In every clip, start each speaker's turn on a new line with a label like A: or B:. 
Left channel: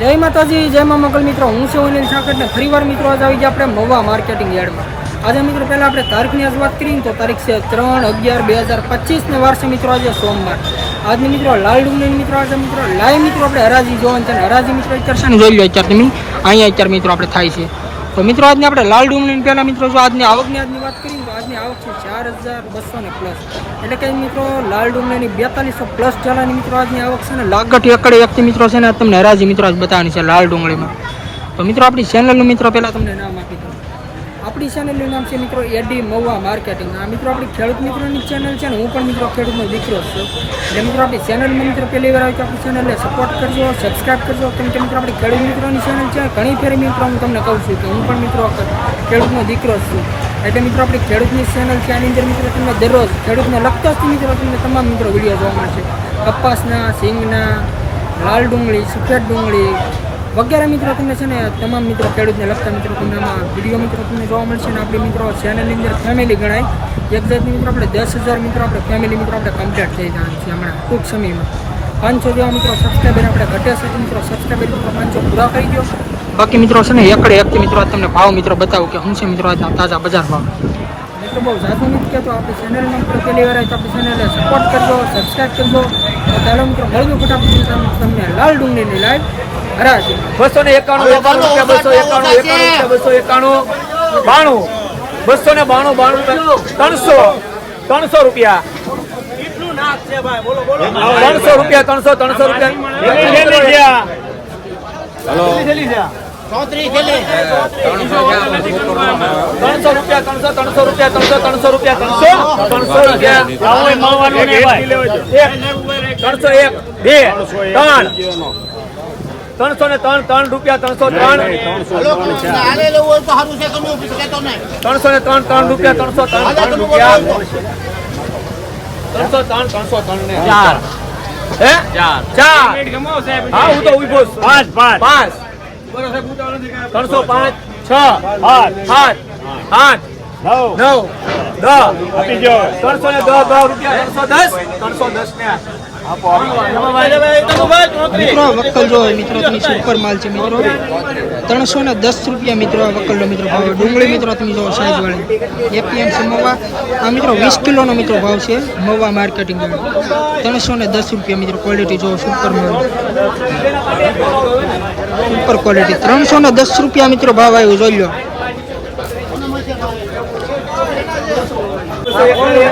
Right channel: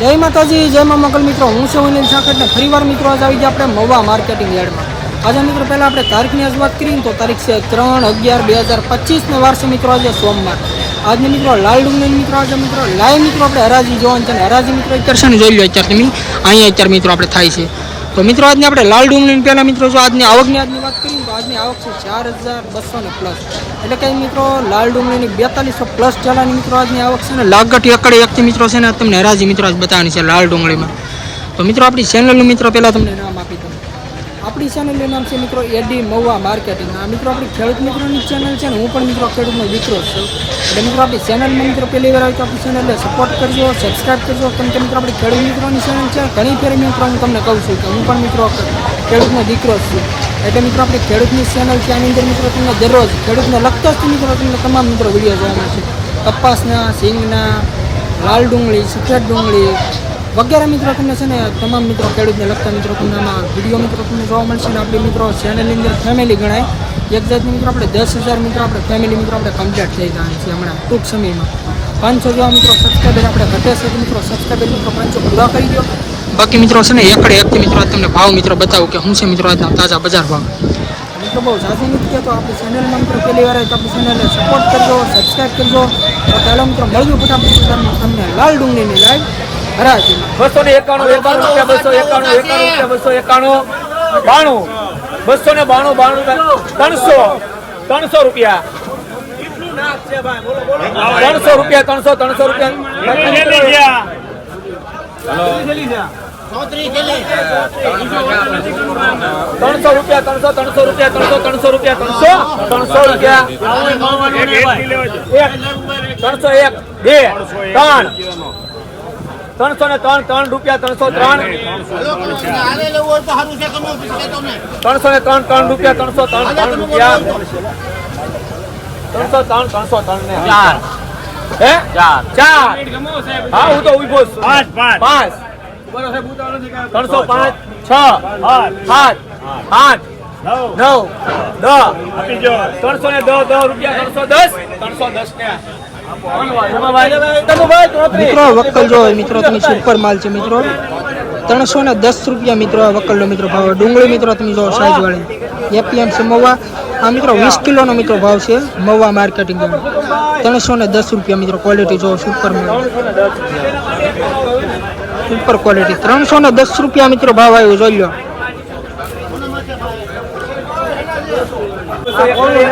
A: જય માતાજી, જય મા મંગલ મિત્રો. હું છું અનિલ સાખટને ફરીવાર મિત્રો આજે આવી ગયા આપણે મવા માર્કેટિંગ યાર્ડમાં. આજે મિત્રો પહેલાં આપણે તારીખની આજ વાત કરીએ તો તારીખ છે ત્રણ અગિયાર બે હજાર પચીસને વારસો મિત્રો આજે સોમવાર. આજની મિત્રો લાલ ડુંગળી મિત્રો આજે મિત્રો, લાઈવ મિત્રો આપણે હરાજી જોવાનું છે હરાજી મિત્રો અત્યારે છે ને જોઈ લો અત્યારે તમે અહીંયા અત્યારે મિત્રો આપણે થાય છે. તો મિત્રો, આજની આપણે લાલ ડુંગળી પહેલાં મિત્રો, જો આજની આવકની આજની વાત કરીએ તો આજની આવક છે ચાર હજાર બસો ને પ્લસ એટલે કંઈ મિત્રો, લાલ ડુંગળીની બેતાલીસો પ્લસ ચાલાની મિત્રો, આજની આવક છે ને લાગટ એકડે એકથી મિત્રો છે ને, તમને હરાજી મિત્રો આજ બતાવવાની છે લાલ ડુંગળીમાં. તો મિત્રો, આપણી ચેનલનું મિત્રો, પહેલાં તમને નામ આપી દઉં. આપણી ચેનલનું નામ છે મિત્રો એડી મહુવા માર્કેટિંગ આ મિત્રો આપણી ખેડૂત મિત્રોની ચેનલ છે ને હું પણ મિત્રો ખેડૂતનો દીકરો છું. એટલે મિત્રો આપણી ચેનલમાં મિત્રો પહેલી વાર આવી તો આપણી ચેનલને સપોર્ટ કરજો સબસ્ક્રાઈબ કરજો. કેમ કે મિત્રો આપણી ખેડૂત મિત્રોની ચેનલ છે, ઘણી ફેરી મિત્રો હું તમને કહું છું કે હું પણ મિત્રો ખેડૂતનો દીકરો છું. એટલે મિત્રો આપણી ખેડૂતની ચેનલ છે, આની અંદર મિત્રો તમને દરરોજ ખેડૂતને લગતો જ મિત્રો તમને તમામ મિત્રો વીડિયો જોવા મળશે. કપાસના સિંગના લાલ ડુંગળી, સફેદ ડુંગળી વગેરે મિત્રો તમને છે ને તમામ મિત્રો ખેડૂતને લગતા મિત્રો તમને આમાં વીડિયો મિત્રો તમને જોવા મળશે ને આપણી મિત્રો ચેનલની અંદર ફેમિલી ગણાય. એક્ઝેક્ટ મિત્રો આપણે દસ હજાર મિત્રો આપણે ફેમિલી મિત્રો આપણે કમ્પ્લીટ થઈ જવાની છે હમણાં, ટૂંક સમયમાં. પાંચસો જેવા મિત્રો સબસ્ક્રાઈબર આપણે ઘટે છે તો મિત્રો સબસ્ક્રાઈબર મિત્રો પાંચસો પૂરા કરી દો. બાકી મિત્રો છે ને એકડે એકથી મિત્રો તમને ભાવ મિત્રો બતાવું કે શું છે મિત્રો આજના તાજા બજાર ભાવ. મિત્રો બહુ સાચું નથી કહેતો આપણી ચેનલમાં મિત્રો પહેલી વાર આપણી ચેનલને સપોર્ટ કરજો સબસ્ક્રાઈબ કરજો. તો પહેલો મિત્રો મળ્યું ફટાફટ તમને લાલ ડુંગળીની લાઈવ
B: બસો ને એકાણું એકાણું રૂપિયા બસો એકાણું એકાણું રૂપિયા બસો એકાણું. બાણું. બસો ને બાણું બાણું રૂપિયા. ત્રણસો. ત્રણસો રૂપિયા. ત્રણસો રૂપિયા ત્રણસો ત્રણસો રૂપિયા. ત્રણસો રૂપિયા. ત્રણસો ત્રણસો રૂપિયા ત્રણસો ત્રણસો રૂપિયા ત્રણસો ત્રણસો રૂપિયા ત્રણસો એક. બે. ત્રણ. ત્રણસો ને ત્રણ ત્રણ રૂપિયા ત્રણસો ત્રણ. ત્રણસો ને ત્રણ ત્રણ રૂપિયા ત્રણસો ત્રણ ત્રણ રૂપિયા. ત્રણસો ત્રણ ત્રણસો ત્રણ ને. ચાર. હે? ચાર. ચાર. હા હું તો ઊભો છું. પાંચ પાંચ. પાંચ. ત્રણસો પાંચ. છ. સાત. આઠ. નવ. દસ. ત્રણસો ને દસ દસ રૂપિયા ત્રણસો દસ. ત્રણસો દસ ને.
A: મિત્રો વક્કલ જો મિત્રો તમે સુપર માલ છે મિત્રો. ત્રણસો ને દસ રૂપિયા મિત્રો આ વક્કલનો મિત્રો ભાવ. ડુંગળી મિત્રો તમે જો સાઈઝ વાળી. એપીએમ છે મવા. આ મિત્રો વીસ કિલોનો મિત્રો ભાવ છે મવા માર્કેટિંગ ત્રણસો ને દસ રૂપિયા મિત્રો ક્વોલિટી જો સુપર માલ સુપર ક્વોલિટી ત્રણસો ને દસ રૂપિયા મિત્રો ભાવ આવ્યો, જોઈ લો.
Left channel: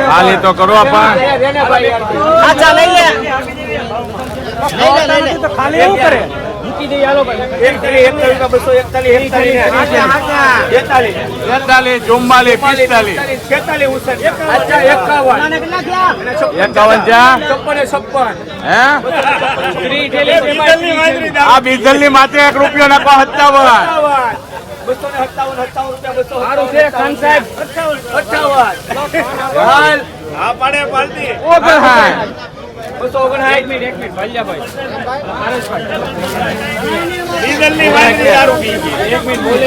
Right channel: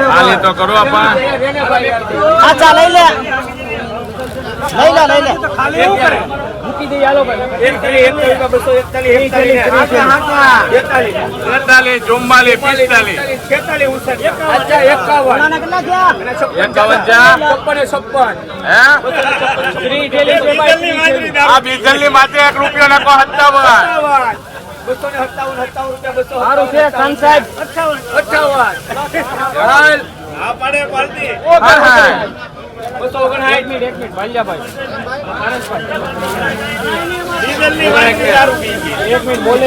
C: હાલે તો કરો પણ પિસ્તાલીસ
B: છેતાલીસ ઉનસઠ એકાવન છપ્પન
C: ડીઝલની માત્ર એક રૂપિયો નાખો સત્તાવન
B: સત્તાવન. બસો ને સત્તાવન સત્તાવન રૂપિયા બસો સારું છે ખાન સાહેબ. અઠાવન અઠાવન હાલ. ઓગણસાઠ. બસો ઓગણસાઠ. મિનિટ એક મિનિટ. વાલિયાભાઈ. હરેશભાઈ. એક મિનિટ બોલે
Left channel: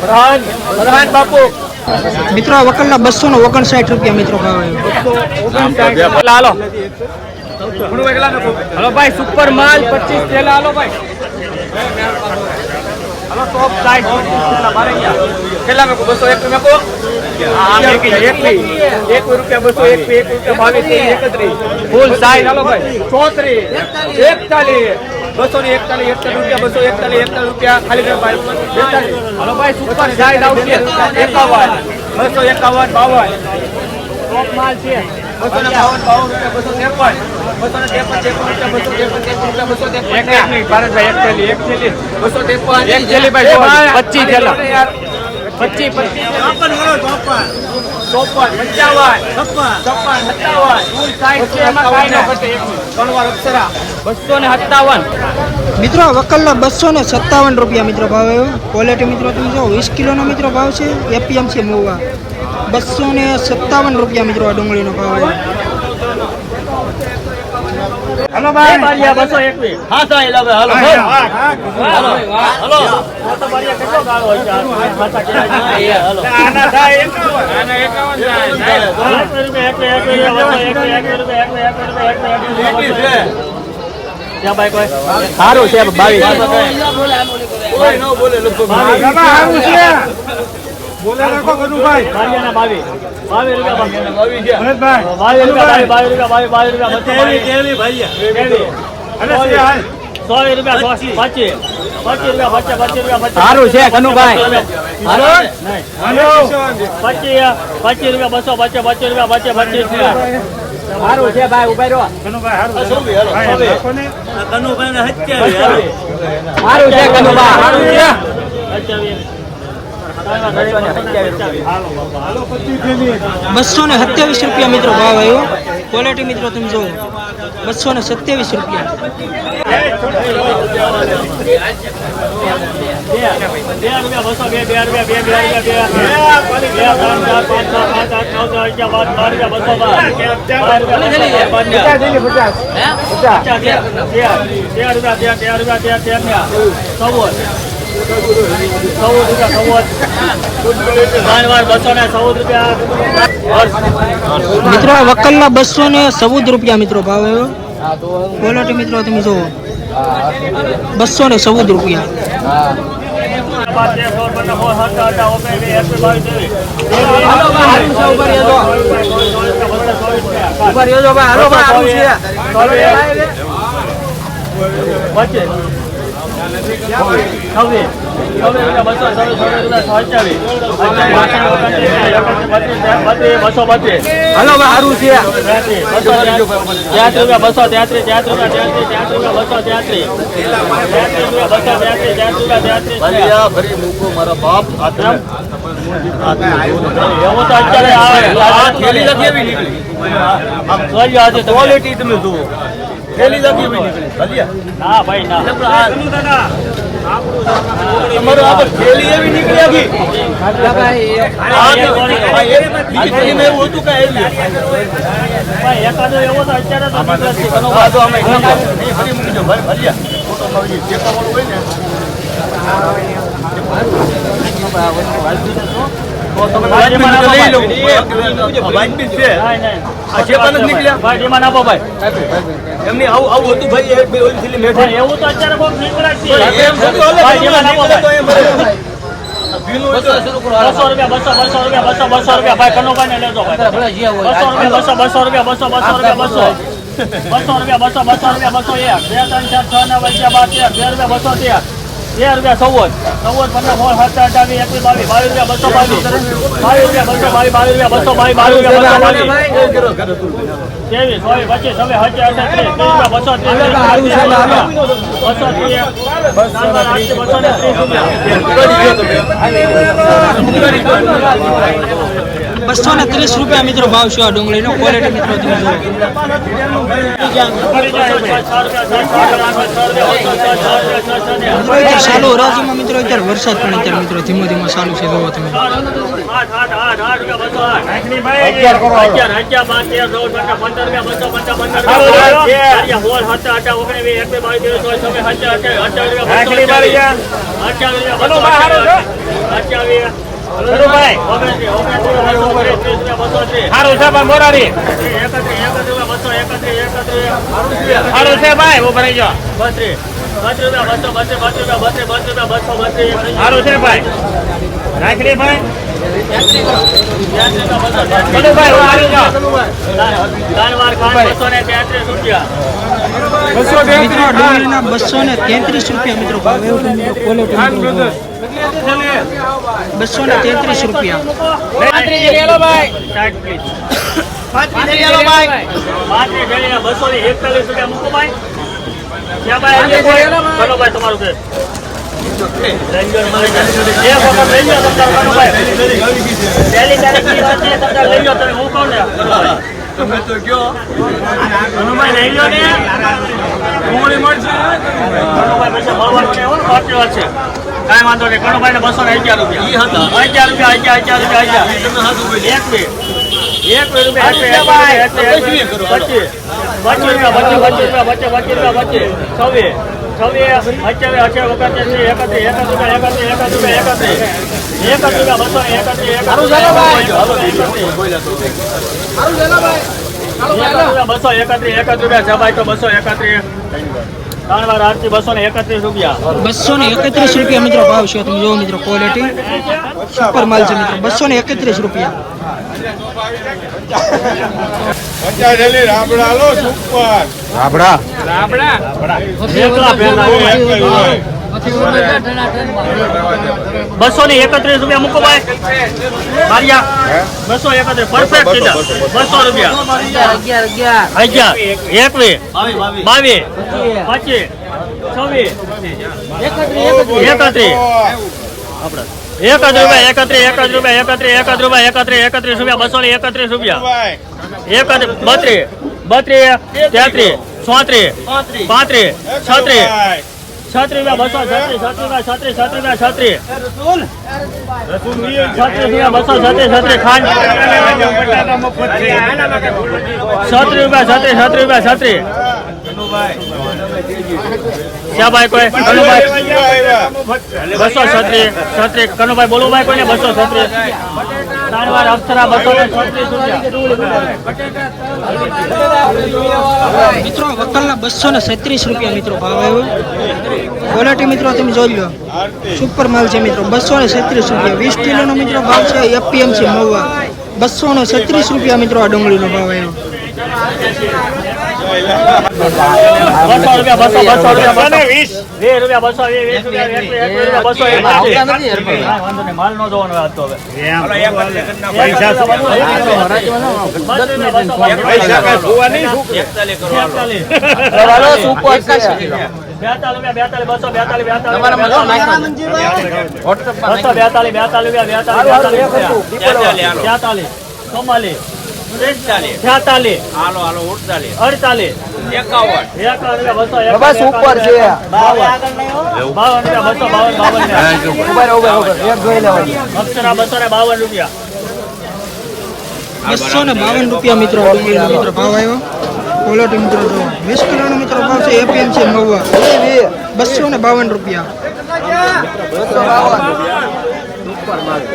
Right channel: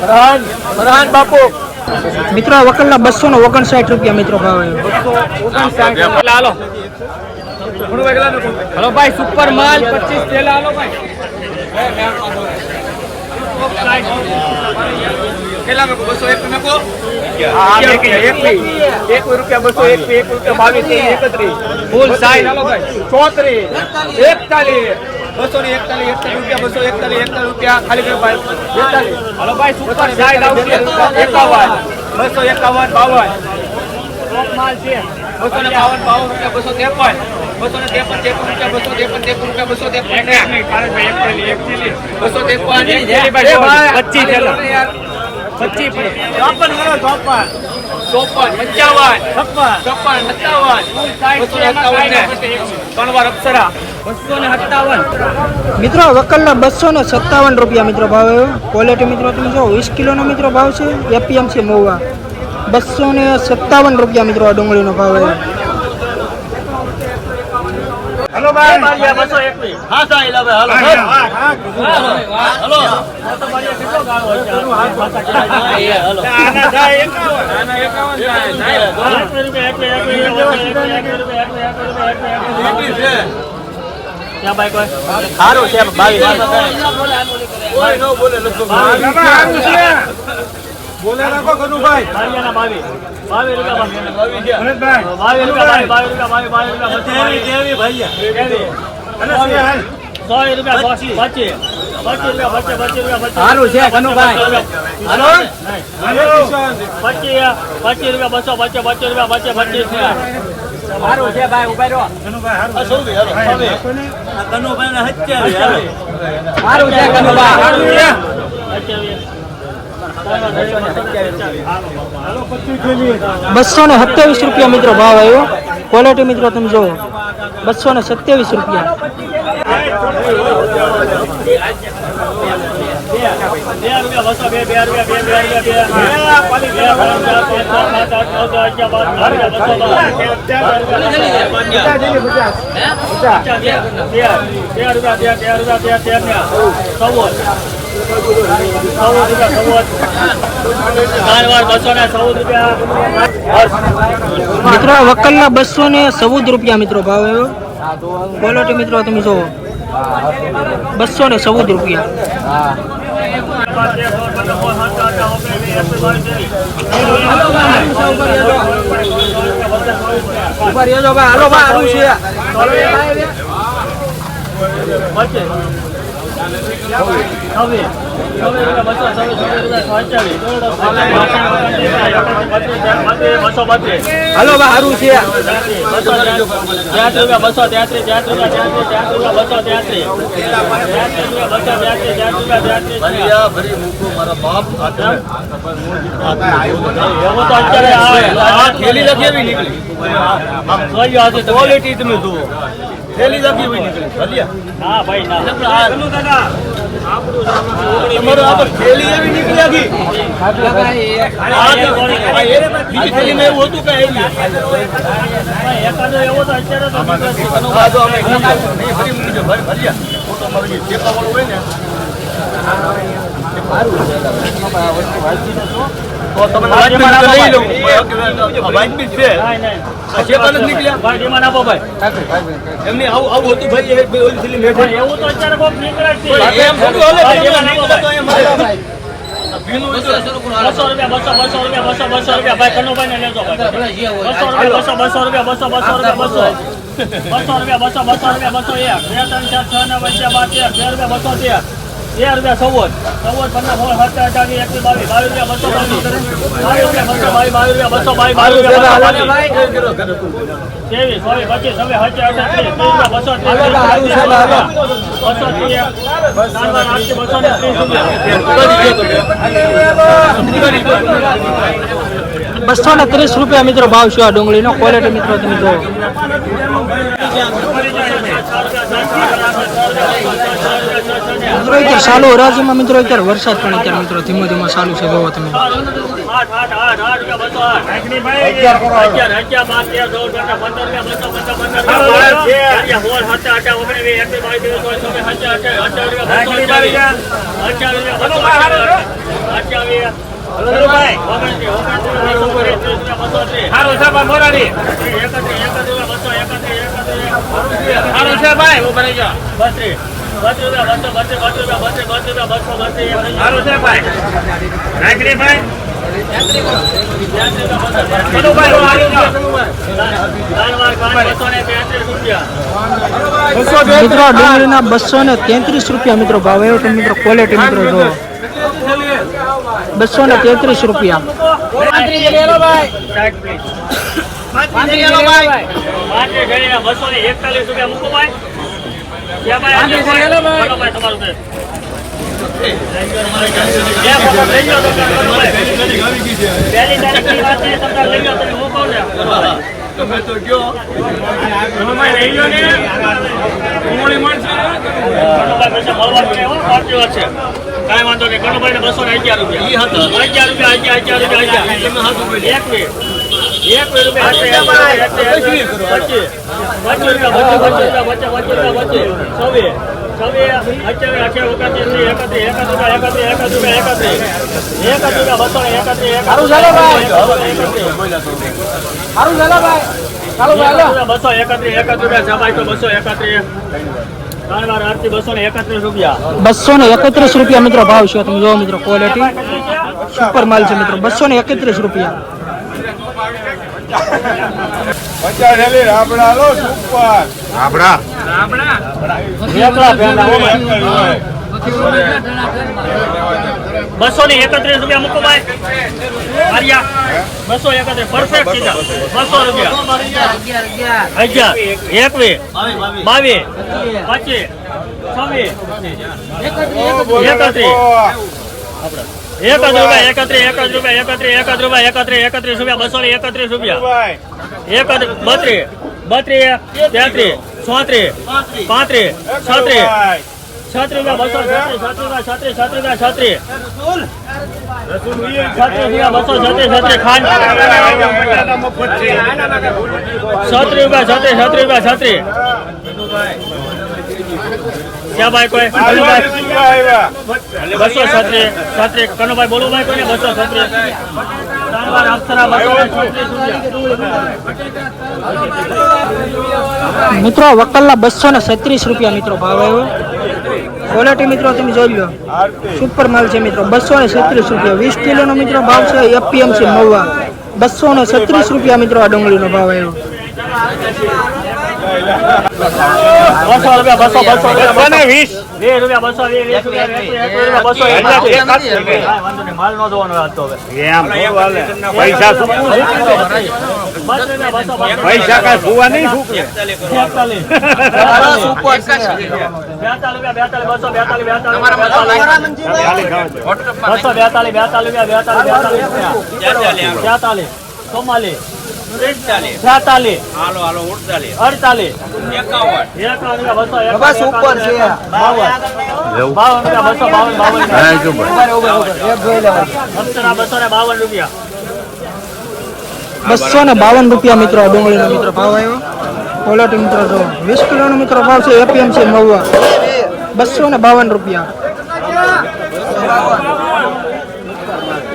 B: ફરહાન ફરહાન બાપુ.
A: મિત્રો વકલના બસો ને ઓગણસાઠ રૂપિયા મિત્રો ભાવ આવ્યો.
B: હાલો. હલો ભાઈ સુપર માલ પચીસ થેલા. હાલો ભાઈ. સાઈડ કેટલા બસો એક મેકો અગિયાર રૂપિયા એક એક રૂપિયા બસો એક એક રૂપિયા બાવીસ ત્રેવીસ એકત્રીસ ફૂલ સાઈડ ચોત્રીસ એકતાલીસ બસો ને એકતાલીસ એકતાલીસ રૂપિયા બસો એકતાલીસ એકતાલીસ રૂપિયા ખાલી ભાઈ બેતાલીસ હલો ભાઈ સુપર સાઈડ આવશે એકાવન બસો એકાવન બાવન ટોપ માલ છે બસો ને બાવન બાવન રૂપિયા બસો ત્રેપન
A: મિત્રો વકલના બસો ને સત્તાવન રૂપિયા મિત્રો ભાવ આવ્યો. ક્વોલિટી મિત્રો, તમે જો વીસ કિલોનો મિત્રો ભાવ છે. એપીએમ છે મહુવા બસો ને સત્તાવન રૂપિયા મિત્રો આ ડુંગળીનો ભાવ આવ્યો.
B: હલો ભાઈ બસો એકવીસ હા સાહેબ હલો હલો આના થાય એકાવન આના એકાવન થાય સારું છે બાવીસ
C: સારું છે બોલે રાખો કનુભાઈ અને છે બસો
B: સારું છે કનુભાઈ હાલો.
C: પચીસ
B: સારું છે ભાઈ ઊભા રહ્યો
C: ભાઈ, રાખો ને.
B: સારું છે કનુભાઈ સારું છે
C: હાલો પચીસ થેલી.
A: બસો ને સત્યાવીસ રૂપિયા મિત્રો ભાવ આવ્યો ક્વોલિટી મિત્રો તમે જુઓ બસો ને સત્યાવીસ રૂપિયા મિત્રો, આ વકલના બસો ને ચૌદ રૂપિયા મિત્રો ભાવ એવો ક્વોલિટી મિત્રો, તમે જુઓ. બસો ને ચૌદ રૂપિયા.
B: ઊભા રહ્યો ભાઈ. હાલો સારું છે. થેલી લખી એવી નીકળી. ક્વોલિટી તમે જુઓ. થેલી લખી એવી નીકળી ભલ્યા તમારો આ થેલી એવી નીકળી આખી આ તો- આ એ- બીજી થેલીમાં એવું હતું કે એવી? ચેપાવાળું હોય ને વાજબી છે નીકળ્યા એમની આવું આવું હતું ભાઈ એક બે ઓલી થેલી મેં
D: એવું તો અત્યારે બહુ નીકળે જ છે
B: એમ થોડું નીકળે તો એમ
D: બસો રૂપિયા બસો બસો રૂપિયા બસો બસો રૂપિયા. ભાઈ કનુભાઈ ને લેજો ભાઈ. બસો રૂપિયા બસો બસો રૂપિયા બસો બસો રૂપિયા બસો. બસો રૂપિયા બસો બસો રૂપિયા બસો એક. બે ત્રણ ચાર છ નવ વચ્ચે બાર તેર. તેર રૂપિયા બસો તેર. તેર રૂપિયા ચૌદ. ચૌદ પંદર સોળ સત્તર અઢાર એકવીસ બાવીસ બાવીસ રૂપિયા બસો બાવીસ બાવીસ રૂપિયા બસો બાવીસ બાવીસ રૂપિયા બસો બાવીસ બાવીસ રૂપિયા ત્રેવીસ ચોવીસ પચીસ ત્રીસ રૂપિયા બસો ત્રીસ બસો ત્રીસ બસો ને ત્રીસ રૂપિયા.
A: બસો ને ત્રીસ રૂપિયા મિત્રો ભાવ છે આ ડુંગળીનો ક્વોલિટી મિત્રો તમે જુઓ ચાલુ રાજ્યમાં મિત્રો અત્યારે વરસાદ પણ અત્યારે મિત્રો ધીમો ધીમો ચાલુ છે જોવો તમે
C: સારું છે ભાઈ મોરારી. સારું છે ભાઈ ઊભા રહી જાઓ. સારું છે ભાઈ. રાખડી ભાઈ. કનુભાઈ સારું છે. બસો
A: મિત્રો ડુંગળીના બસો ને તેત્રીસ રૂપિયા મિત્રો ભાવ આવ્યો મિત્રો ક્વોલિટી મિત્રો જુઓ. બસો ને તેત્રીસ રૂપિયા.
D: તમે
B: તો કયો
D: લઈ લો ને
C: મળશે
D: વાત છે કાંઈ વાંધો નહીં. કનુભાઈ ને બસો ને અગિયાર રૂપિયા. અગિયાર રૂપિયા અગિયાર અગિયાર રૂપિયા અગિયાર.
B: તમે બોલ્યા.
D: એક મિનિટ. એક મિનિટ રૂપિયા એક મિનિટ, એક મિનિટ, પચીસ પચીસ રૂપિયા પચીસ પચીસ રૂપિયા પચીસ રૂપિયા પચીસ. છવ્વીસ. બસો એકત્રીસ એકત્રીસ જમાય તો બસો એકત્રીસ. બસો ને એકત્રીસ રૂપિયા.
A: બસો ને એકત્રીસ રૂપિયા મિત્રો ભાવ છે. તમે જોવો મિત્રો ક્વોલિટી સુપર માલ છે મિત્રો. બસો ને એકત્રીસ રૂપિયા.
D: ભાઈ. બસો ને એકત્રીસ રૂપિયા મૂકો ભાઈ. મારિયા બસો એકત્રીસ. પરફેક્ટ સીધા. બસો રૂપિયા. અગિયાર એકવીસ. બાવીસ. પચીસ. છવ્વીસ. એકત્રીસ. આપડે. એક જ રૂપિયા એકત્રીસ એક જ રૂપિયા એકત્રીસ એક જ રૂપિયા એકત્રીસ એકત્રીસ રૂપિયા બસો ને એકત્રીસ રૂપિયા. એક બત્રીસ બત્રીસ તેત્રીસ ચોત્રીસ પાંત્રીસ છત્રીસ છત્રીસ રૂપિયા બસો, છત્રી છત્રીસ રૂપિયા છત્રીસ છાત્રી રૂપિયા છાત્રી. બસો છત્રીસ છત્રી, ખાંડ. છત્રીસ રૂપિયા ભાઈ કોઈ? કનુભાઈ. બસો, છત્રી છત્રીસ કનુભાઈ, બોલો ભાઈ કોઈને? બસો છત્રીસ ત્રણ વાર અપ્સરા બસો
A: મિત્રો, વકલના બસો ને છત્રીસ રૂપિયા મિત્રો ભાવ આવ્યો. ક્વોલિટી મિત્રો તમે જોઈ લો. સુપર માલ છે મિત્રો. બસો ને છત્રીસ રૂપિયા. વીસ કિલોનો મિત્રો ભાવ છે. એપીએમસી મવા બસો ને છત્રીસ રૂપિયા મિત્રો આ ડુંગળીનો ભાવ આવ્યો.
D: બસો રૂપિયા બસો બસો રૂપિયા બસો. વીસ. વીસ રૂપિયા બસો વીસ રૂપિયા એકવીસ, એકવીસ રૂપિયા બસો એકવીસ. કાંઈ બેતાલીસ બેતાલીસ બેતાલીસ બેતાલીસ. જોવાનો વાત તો
B: હાલો હાલો ઉડતાલીસ.
D: અડતાલીસ.
B: એકાવન.
D: એકાવન રૂપિયા બસો એકાવન, બાવન બાવન. રૂપિયા બસો બાવન બાવન ને બાવન રૂપિયા.
A: બસો ને બાવન રૂપિયા મિત્રો ડુંગળીનો મિત્રો ભાવ આવ્યો. ક્વોલિટી મિત્રો જો વીસ કિલોનો મિત્રો ભાવ છે એપીએમસી મહુવા બસો ને બાવન રૂપિયા.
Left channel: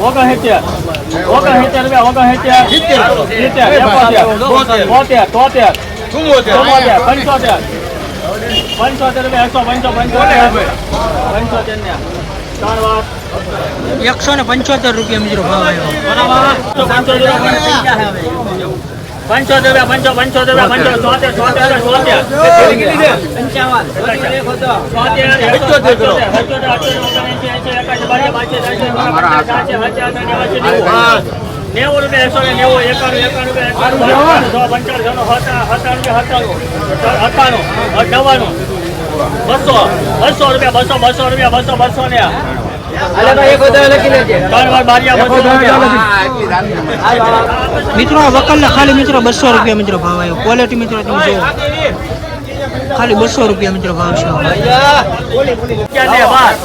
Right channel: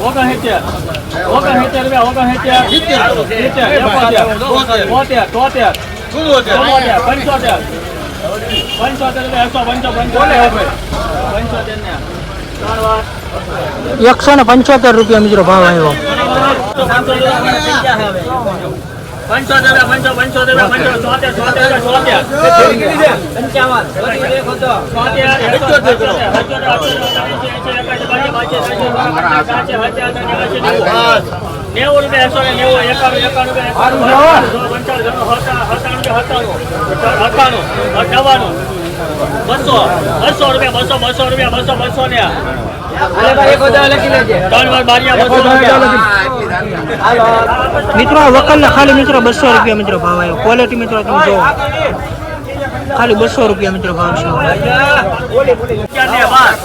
D: સાસઠ આઠ જીરો ઓ ભાઈ કાંઈ પંચોતેર. રૂપિયા એકસો પંચો પંચોતેર ને ત્રણ વાર
A: એકસો ને પંચોતેર રૂપિયા મિત્રો ભાવ આવ્યો.
D: પંચોતેર પંચો પંચોતેર પંચો ચોતેર ચોતેર ચોતેર નેવું રૂપિયા એકસો ને નેવું એકાણું એકાણું રૂપિયા પંચાણું સત્તાણું અઠાણું નવ્વાણું બસો બસો રૂપિયા બસો બસો રૂપિયા બસો બસો ને ત્રણ વાર બારિયા બસો રૂપિયા
A: મિત્રો આ વકલના ખાલી મિત્રો બસો રૂપિયા મિત્રો ભાવ આવ્યો. ક્વોલિટી મિત્રો તમે જુઓ. ખાલી બસો રૂપિયા મિત્રો ભાવ છે.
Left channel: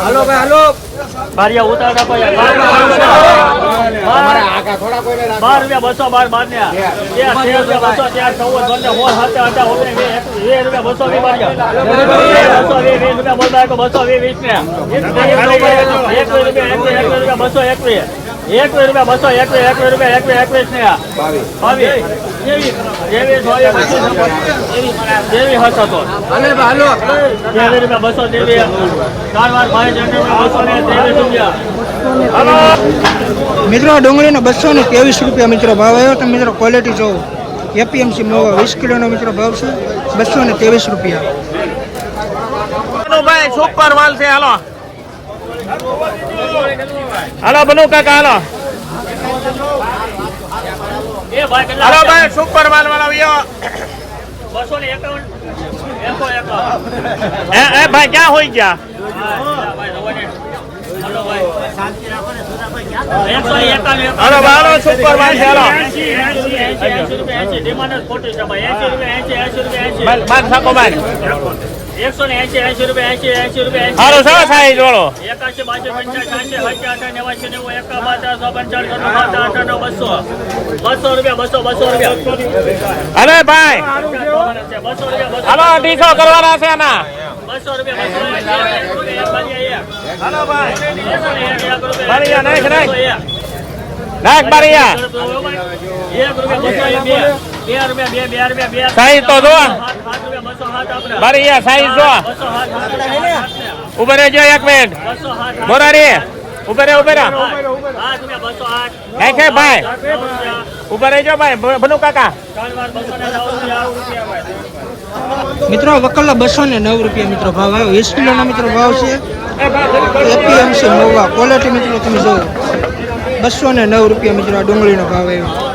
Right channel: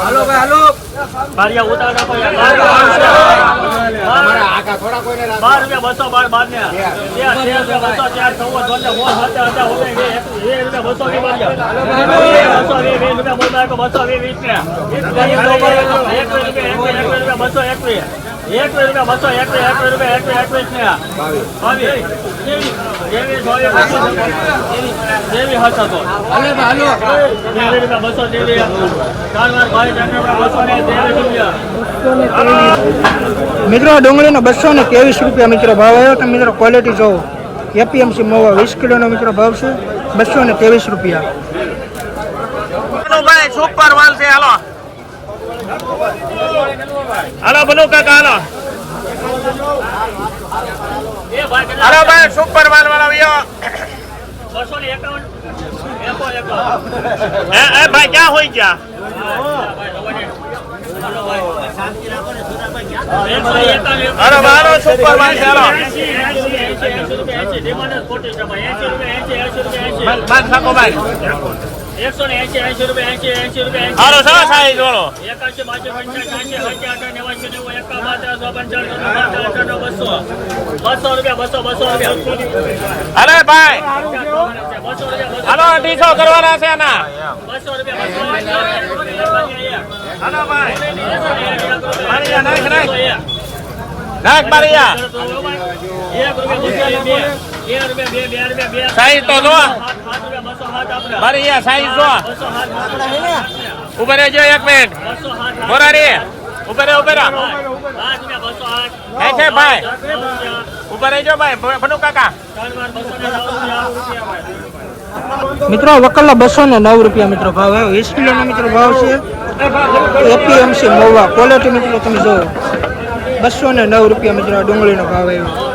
D: હાલો ભાઈ હાલો. બાર. રૂપિયા બસો બાર બાર ને બસો તેર ચૌદ પંદર સોળ સત્તર હતા વીસ રૂપિયા બસો વીસ બારિયા બસો વીસ વીસ રૂપિયા બોલ બાર બસો વીસ વીસ ને. બસો એકવીસ. એકવીસ રૂપિયા બસો એકવીસ એકવીસ રૂપિયા એકવીસ એકવીસ ને. બાવીસ. બસો તેવી કારવાર ભાઈ તેવી બસો ને તેવી રૂપિયા.
A: મિત્રો ડુંગળીનો બસો ને ત્રેવીસ રૂપિયા મિત્રો ભાવ આવ્યો. તમે મિત્રો ક્વોલિટી જોવો એપીએમસી મોવા વીસ કિલોનો મિત્રો ભાવ છે. બસો ને ત્રેવીસ રૂપિયા.
D: સુપર માલ છે. હાલો. હાલો, બનુ કાકા, હાલો. હાલો, ભાઈ સુપર માલ ને ભાઈ, ક્યાં હોય ગયા? હાલો બારો સુપર હાલો ભાઈ બાદ થાકો ભાઈ એકસો ને એસી એસી રૂપિયા એસી એસી રૂપિયા
C: હારો છે સાઈઝ વાળો.
D: એકાશી બાસી પંચાસી એસી પંચા અઠા નેવાસી નેવું એકા બાર ચારસો પંચાવન ત્રણસો પાંચ આઠ નવ બસો બસો રૂપિયા બસો બસો રૂપિયા
C: અરે ભાઈ.
D: બસો રૂપિયા
C: હાલો અઢીસો કરવાના છે આના.
D: બસો રૂપિયા બસો રૂપિયા
C: નાખ, નાખ.
D: બે.
C: સાઈઝ તો જો. બારીયા સાઈઝ જો. એક મિનિટ હે કે ભાઈ.
D: નવ રૂપિયા.
C: ઊભા ભાઈ. ભલું કાકા.
D: ને
A: મિત્રો વકલના બસો ને નવ રૂપિયા મિત્રો ભાવ આવ્યો. વીસ કિલોનો મિત્રો ભાવ છે. એપીએમસી મહુવા ક્વોલિટી મિત્રો, તમે જુઓ બસો ને નવ રૂપિયા મિત્રો આ ડુંગળીનો ભાવ આવ્યો.